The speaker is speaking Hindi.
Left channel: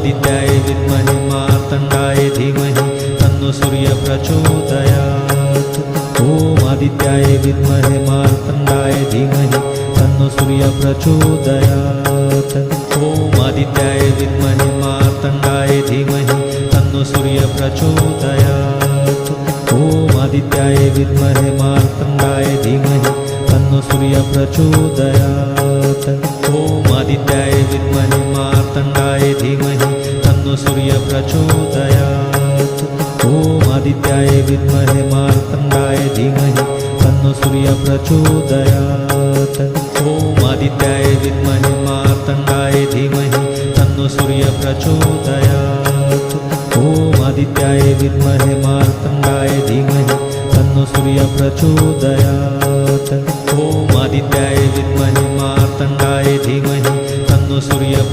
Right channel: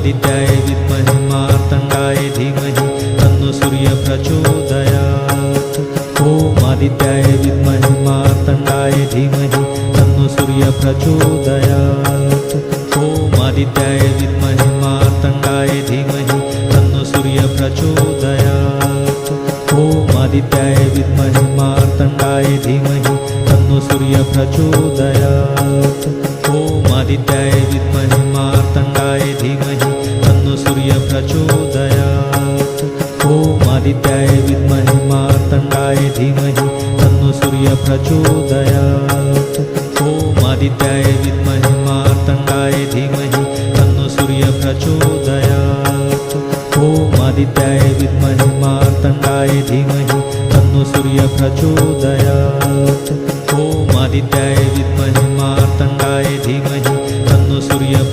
आदित्याय विद्महे मार्तण्डाय धीमहि तन्नो सूर्य प्रचोदयात्। ॐ आदित्याय विद्महे मार्तण्डाय धीमहि तन्नो सूर्य प्रचोदयात्। ॐ आदित्याय विद्महे मार्तण्डाय धीमहि तन्नो सूर्य प्रचोदयात्। ॐ आदित्याय विद्महे मार्तण्डाय धीमहि तन्नो सूर्य प्रचोदयात्। ॐ आदित्याय विद्महे मार्तण्डाय धीमहि तन्नो सूर्य प्रचोदयात्। ॐ आदित्याय विद्महे मार्तण्डाय धीमहि तन्नो सूर्य प्रचोदयात्। ॐ आदित्याय विद्महे मार्तण्डाय धीमहि तन्नो सूर्य प्रचोदयात्। ॐ आदित्याय विद्महे मार्तण्डाय धीमहि तन्नो सूर्य प्रचोदयात्। ॐ आदित्याय विद्महे मार्तण्डाय धीमहि तन्नो सूर्य